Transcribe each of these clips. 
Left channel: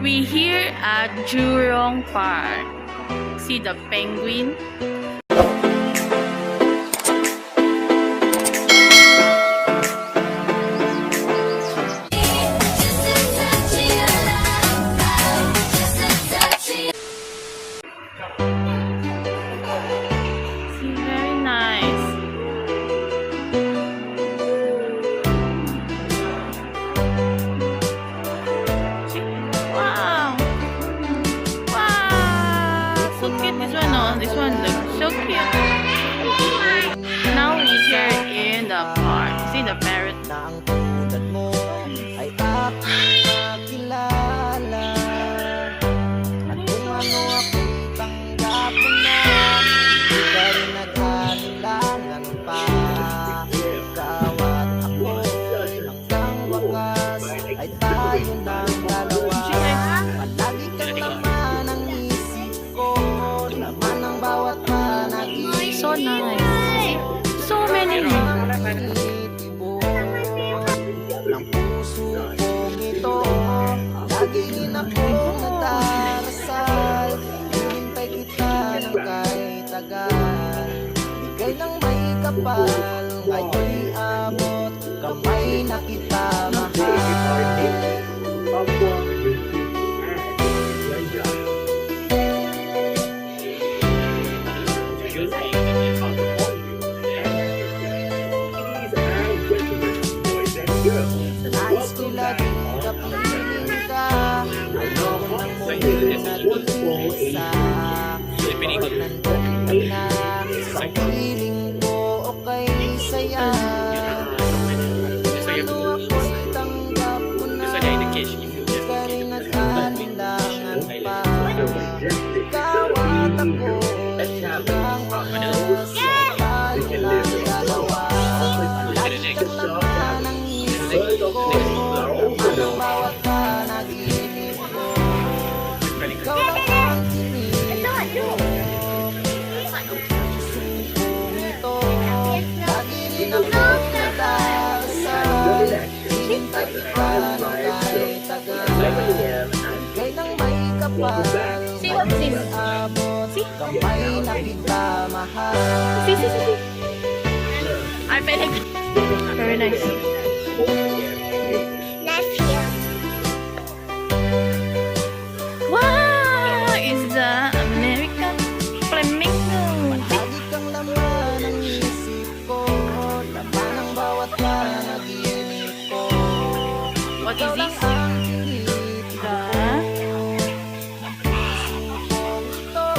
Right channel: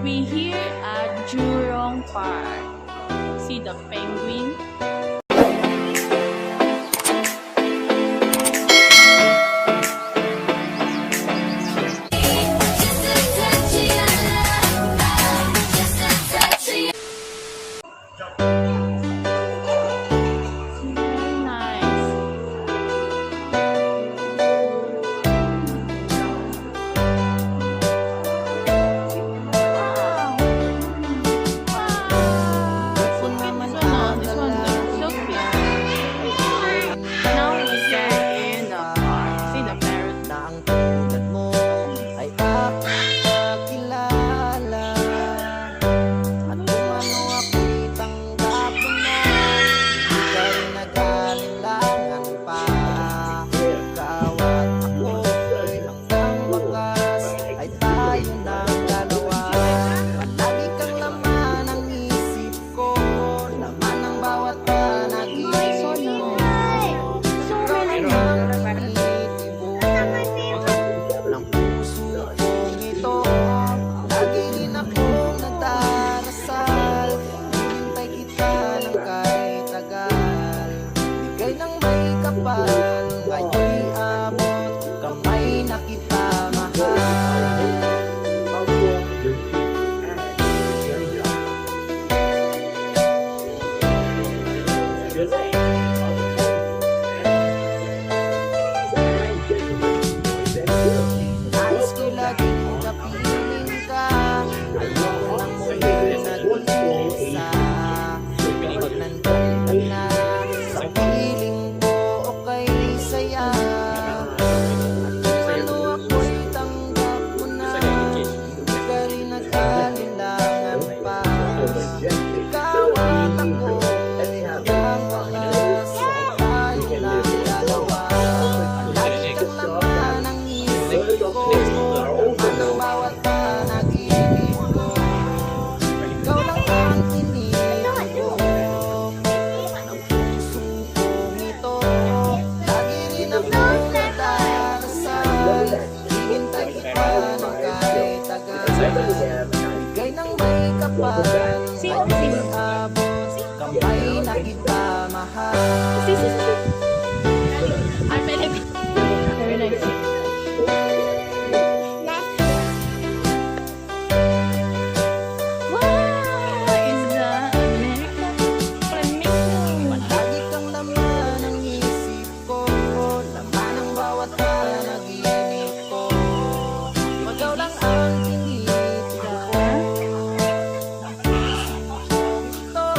We here at Jurong Park. See the penguin? This one looks so cute. Now we're here in the park. See the parrot? Na ang tulad mo ay aking makilala. At kung ano ako'y tanggap mo na, hindi ka rin nag-alinlangan pa. Ikaw at ako'y hanggang wakas ay tayo ng dalawa. Palagi kang laman ang isip ko, laman ng bawat panaginip. So nice. So many. Ng puso kong ito, lagi rin akong nagdarasal. Hinintay kita ng kahit tagal, bigay ng may kapal. Ngayon'y abot, kamay na kita mahal. Nais ko'y laging kapiling ka, ayoko nang muli nag-iisa. Pag nandun ka na sa piling ko, okay saya. At kung ano ako'y tanggap mo na, hindi ka rin nag-alinlangan pa. Ikaw at ako hanggang wakas ay tayo lang dalawa. Lagi kang laman ang isip ko, laman ng bawat panaginip ko. Ikaw lang ang tinitibok ng puso kong ito. Lagi rin akong nagdarasal, hinintay kita ng kahit tagal. Bigay ng may kapal, ngayon'y abot, kamay na kita mahal. I bet it. Very nice. Wow! Is the American flamingo. Lagi kang laman ang isip ko, laman ang bawat panaginip ko. Ikaw lang ang tinitibok ng puso kong ito.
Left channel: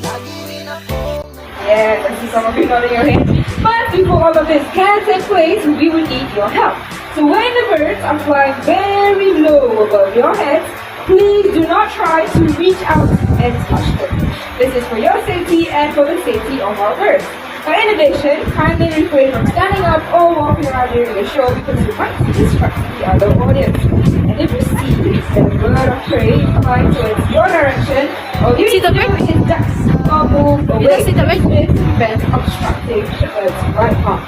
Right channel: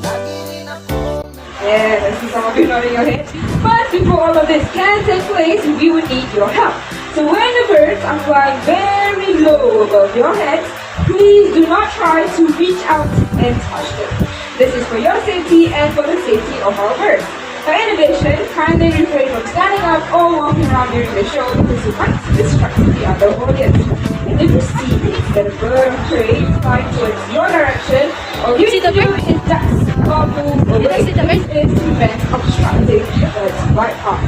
Lagi rin akong Yes, I see some of you nodding your heads. But before all of this can take place, we would need your help. So when the birds are flying very low above your heads, please do not try to reach out and touch them. This is for your safety and for the safety of our birds. Now in addition, kindly refrain from standing up or walking around during the show because you might distract the other audience. And if you see that a bird of prey flying towards your direction, all you need to do is just move away. This is to prevent obstructing the bird's right arm.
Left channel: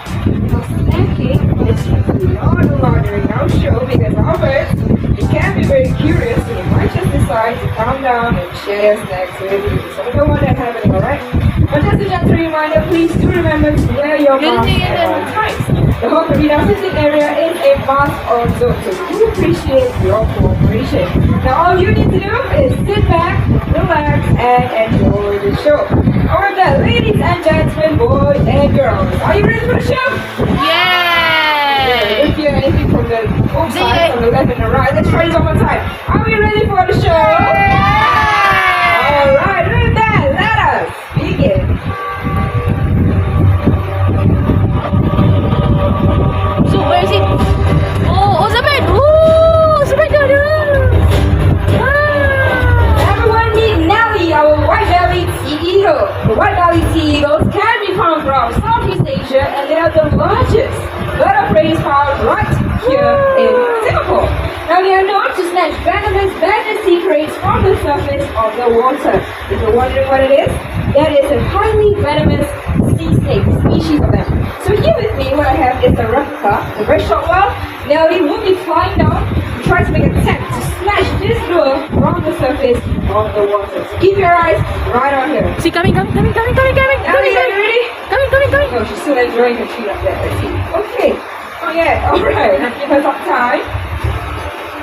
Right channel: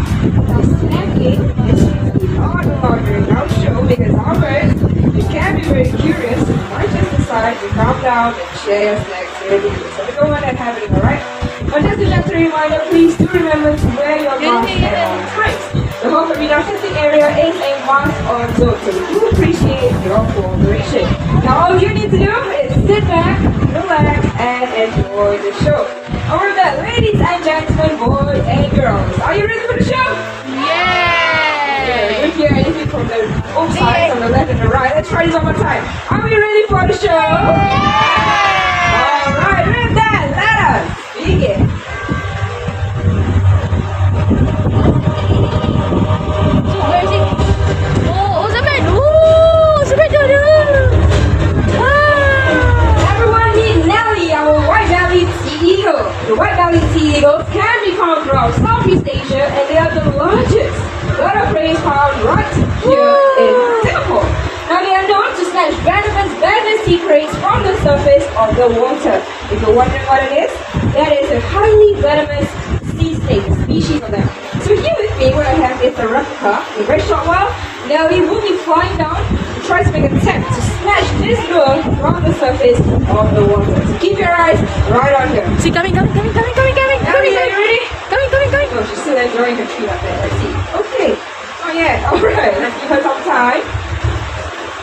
Now snacking is not allowed during our show because our birds, you can be very curious, so you might just decide to calm down and share your snacks with you. So we don't want that happening, alright? But just a gentle reminder, please do remember to wear your mask at all times. The whole arena sitting area is a mask-on zone, so we do appreciate your cooperation. Now all you need to do is sit back, relax, and enjoy the show. Alright then, ladies and gentlemen, boys and girls, are you ready for the show? Yay! If you hear anything from the side, from the left and the right, let's try this one more time. Are we ready for the show? Alright, with that, let us begin. So where is it? Oh, the bird! Oh, the bird! Wow! Everyone meet Nelly, our white-bellied sea eagle. The white-bellied sea eagles can be found throughout Southeast Asia, and they are the largest bird of prey found right here in Singapore. Now they are known to snatch venomous sea prey from the surface of the water. If you're wondering what it is, that is a highly venomous sea snake species of them. So here with me, what I have is a replica. In a very short while, Nelly will be flying down to try to make an attempt to snatch this lure from the surface of the water. So keep your eyes right on her. See, coming. Ellie, are you ready? Coming. Oh, she's still enjoying her treat up there. Let's see. Okay. Oh yeah. All right. Let's give her some time.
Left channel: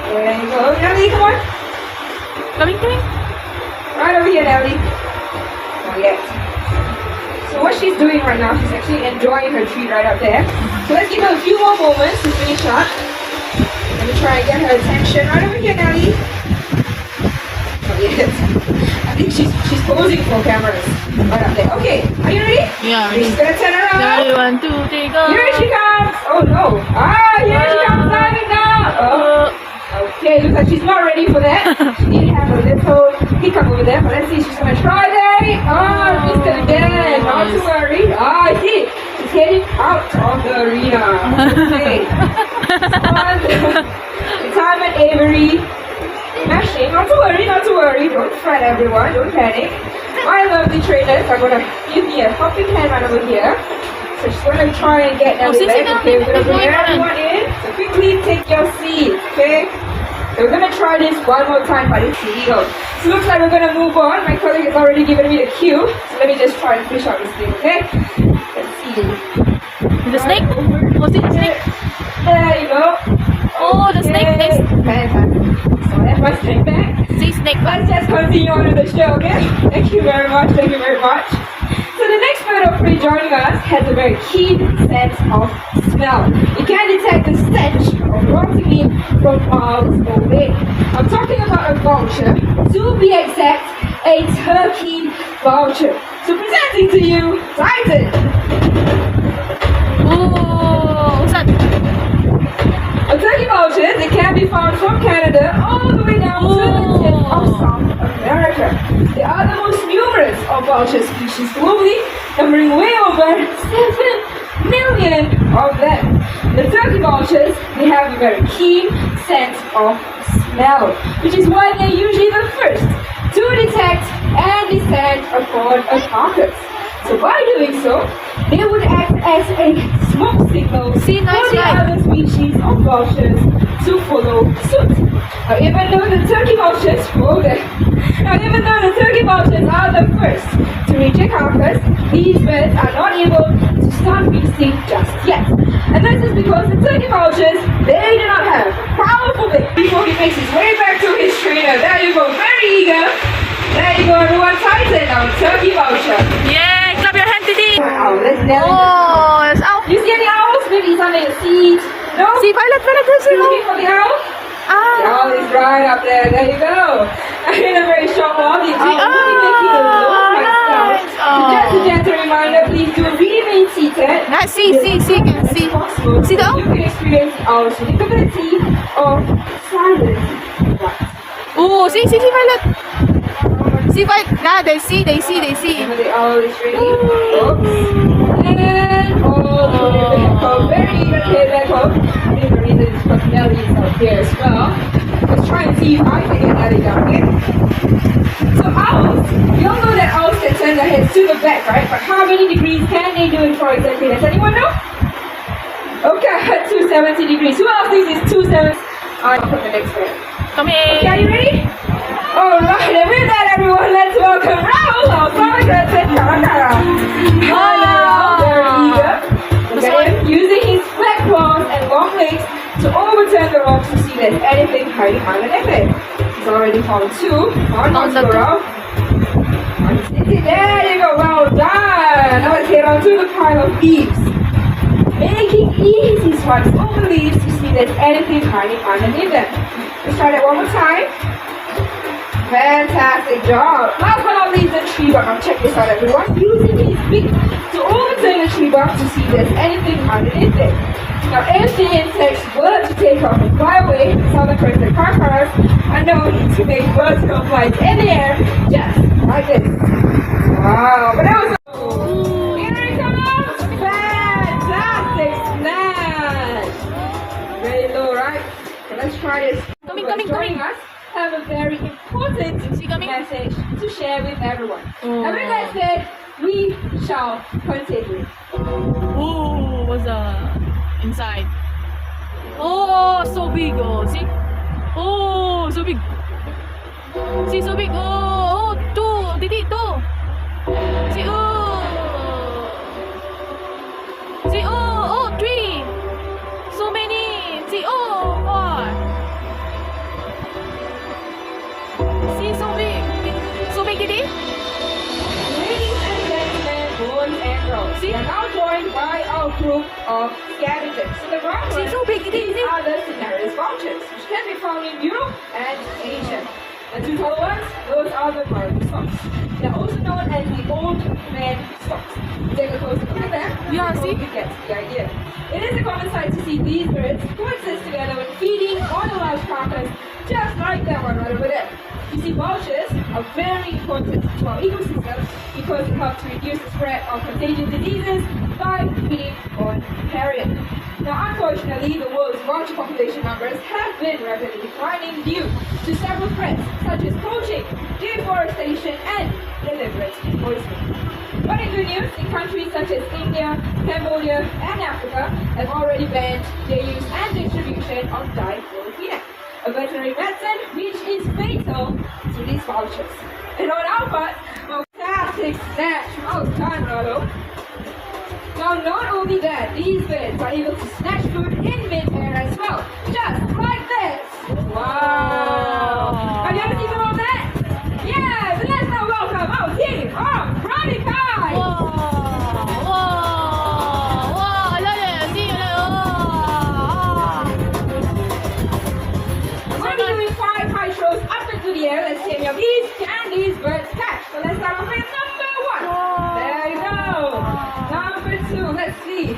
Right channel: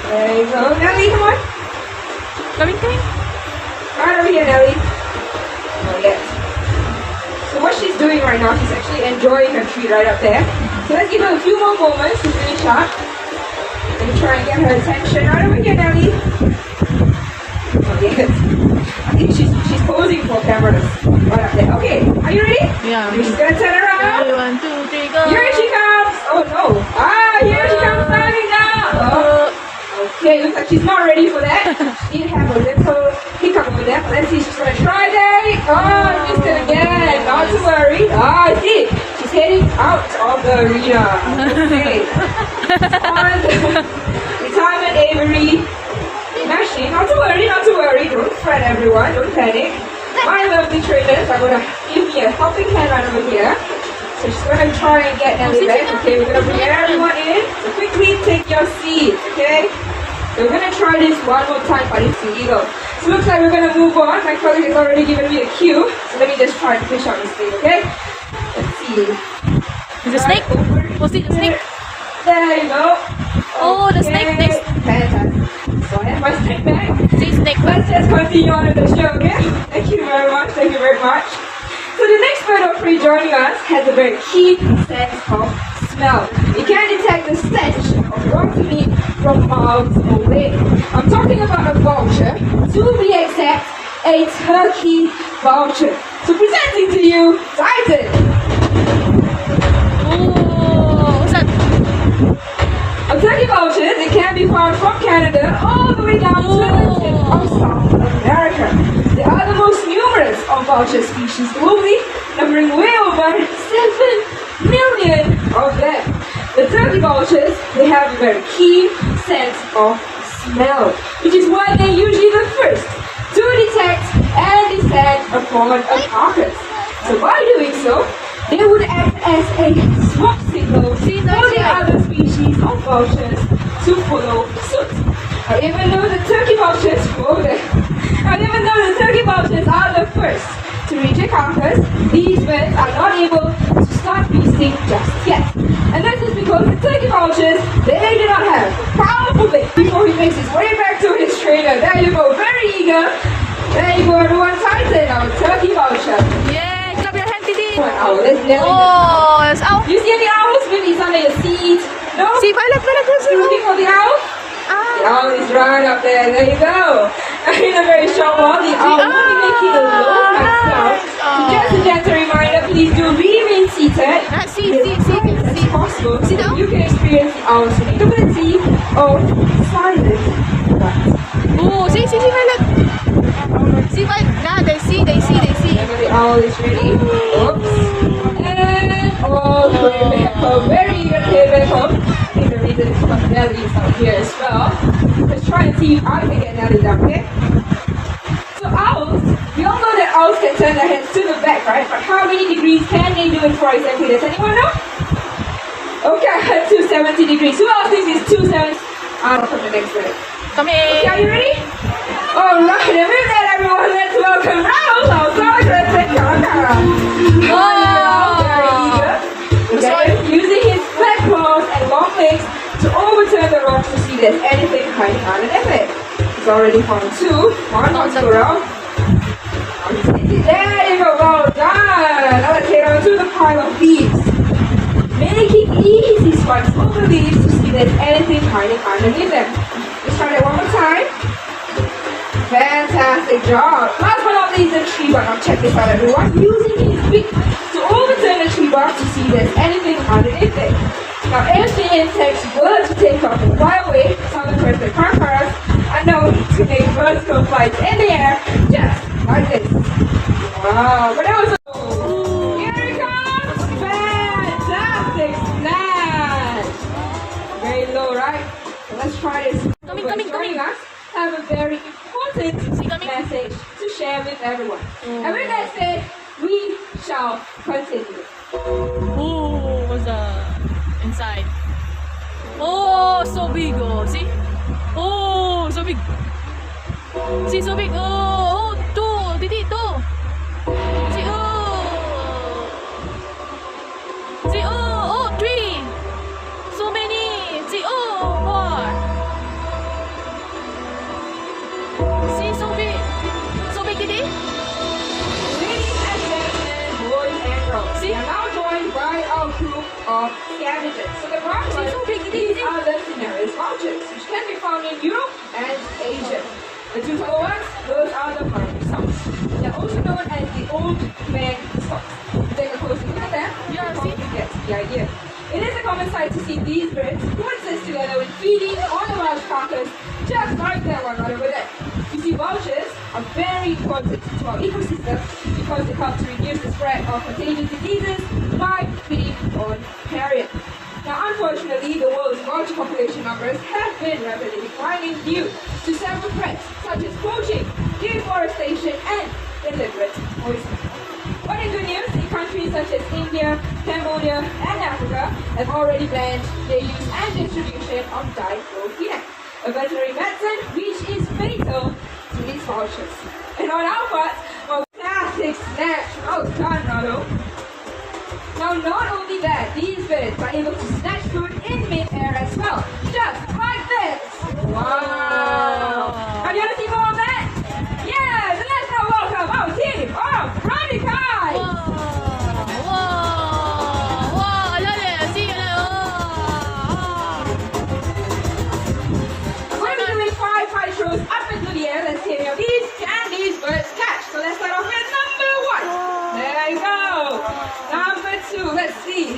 There you go. Ellie, come on. Coming. Right over here, Ellie. Oh yeah. So what she's doing right now, she's actually enjoying her treat right up there. So let's give her a few more moments to finish up. Let me try and get her attention. Right over here, Ellie. Oh yes. I think she's posing for cameras. Right up there. Okay. Are you ready? Yeah. She's gonna turn around. 1, 2, 3, go. Here she comes! Oh no! Ah, here she comes diving down! Oh. Okay, looks like she's not ready for that. She did have a little hiccup over there, but let's see, she's gonna try that. Oh, missed it again. Not to worry. Ah, I see. She's heading out of the arena. Okay. Retirement Avery. Smashing. Not to worry. Don't fret, everyone. Don't panic. My lovely trainers are gonna give me a helping hand right over here. So she's gonna try and get Ellie back. Okay, we're gonna bring everyone in. So quickly take your seats, okay? So we're gonna try this one more time, but it's illegal. So looks like we're gonna move on. My colleague has already given me the cue. So let me just try and fish out this thing, okay? Let's see. Is it snake? Was it a snake? There you go. Oh, the snake. Fantastic. So that's my snake back. See, snake. Let's just continue on with the show, okay? Thank you very much. So the next bird of prey joining us has a very keen sense of smell. It can detect the stench of rotten meat from miles away. I'm talking about a vulture, to be exact, a turkey vulture. So presenting to you, Titan. Oh, what's that? A turkey vulture, they can be found from Canada all the way down to the tip of South America. They are the most numerous of vulture species globally, numbering way over 7 million of them. The turkey vultures, they have a very keen sense of smell, which is why they're usually the first to detect and descend upon a carcass. So by doing so, they would act as a smoke signal for the other species of vultures to follow suit. Now, even though the turkey vultures are the first to reach a carcass, these birds are not able to start feasting just yet. And this is because the turkey vultures, they do not have powerful legs. Before he makes his way back to his trainer, there you go, very eager. There you go, everyone, Titan, our turkey vulture. Yeah, clap your hand, Titi. Owl, let's nail it. Oh, it's out. You see any owls? Maybe it's under your seat. No? See, Violet, You looking for the owl? The Ah. owl is right up there. There you go. In a very short while, the owl will be making a low right sound. Just a gentle reminder, please do remain seated. See, can see. Possible. See the owl? You can experience the owl's unique ability of silent but Oh, see, Violet. See, Violet. Nah, they see. whenever the owl is ready. Oops. And all the way back home. Very eager to head back home. I think the reason is because Nelly is not here as well. Let's try and see if I can get Nelly down, okay? So owls, we all know that owls can turn their heads to the back, right? But how many degrees can they do it for exactly? Does anyone know? Okay, 270 degrees. Who else thinks it's 270? I'll put the next one. Come Okay, here. are you ready? Alright, and with that everyone, let's welcome Raoul, our so aggressive using his flat claws and long legs to overturn the rocks to see if there's anything hiding underneath it. He's already found 2. Let's go around. There you go, well done. Now let's head on to the pile of leaves. Making easy swipes over leaves to see if there's anything hiding underneath them. Let's try that one more time. Fantastic job. Last but not least, the tree bark. Now check this out, everyone. Using his beak to overturn the tree bark to see if there's anything underneath it. Now, if the insects were to take off and fly away, southern birds like parkeryz are known to make vertical flights in the air, just like this. Wow, but that was here it comes! Fantastic smash! Very low, right? So let's try this. Coming. Us have a very important message to share with everyone. And with that said, we shall continue. Oh, what's inside? Oh, so big. Oh, see? Oh, so big. See so big. Oh, two. Titik tu. See See three. So many. See four. See so big. So big titik. Ladies and gentlemen, boys and girls, we are now joined by our group of scavengers. So the ground ones, So big, these are the scenarios vouchers, which can be found in Europe and Asia. The two taller ones, those are the party socks. They're also known as the old man socks. Take a closer look at them. Yeah, before see? you get the idea. It is a common sight to see these birds coexist together when feeding on a large carcass, just like that one right over there. You see, vultures are very important to our ecosystem because they help to reduce the spread of contagious diseases like feeding on carrion. Now, unfortunately, the world's vulture population numbers have been rapidly declining due to several threats such as poaching, deforestation, and deliberate poisoning. But in good news, in countries such as India, Cambodia, and Africa have already banned their use and distribution of diclofenac, a veterinary medicine which is fatal to these vultures. And on our part, a fantastic snatch. Well done, Rado. Now, not only that, these birds are able to snatch food in mid-air as well, just like this. Wow! Have you ever seen more of that? Yes, and let's now welcome our team of Radicals. Wow, see, We're going to be doing 5 high throws up into the air. Let's see how these birds catch. So let's start off with number 1. There you go. Number 2, let's see.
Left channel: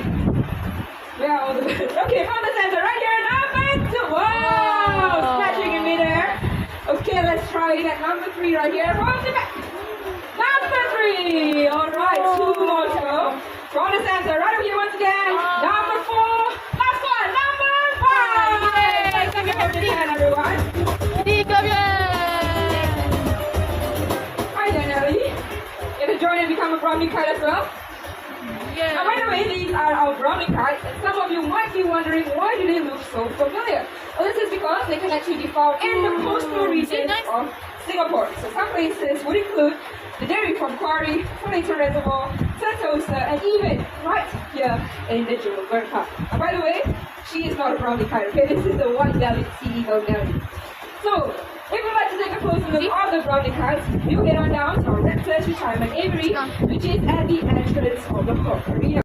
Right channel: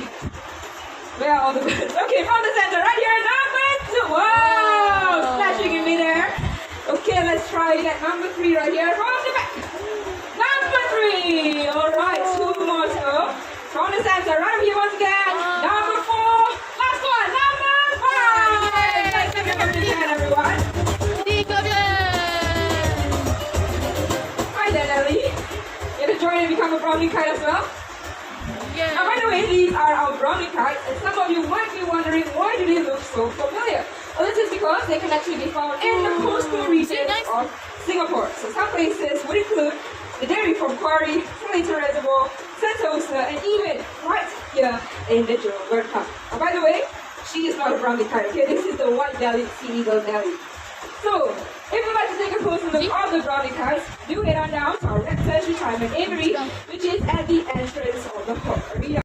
Where are all the birds? Okay, from the center, right here. Number 2. Wow! Snatching in midair. Okay, let's try it at number 3 right here. From the back. Number 3. All right, 2 more to go. From the center, right over here once again. Number 4. Last one. Number 5. Yay! Give me a hand, everyone. Hi there, Nelly. You gonna join and become a brownie kite as well? Yeah. Now, by the way, these are our brownie kites, and some of you might be wondering why do they look so familiar? Well, this is because they can actually be found in the coastal regions of Singapore. So some places would include the Dairy Farm Quarry, Slayton Reservoir, Sentosa, and even right here in the Jurong Bird Park. And by the way, she is not a brownie kite, okay? This is the white-bellied sea eagle Nelly. So, if you'd like to take a closer look at the brownie kites, do get on down to our Red Pleasure Time at Avery, which is at the entrance of the Hawk Arena.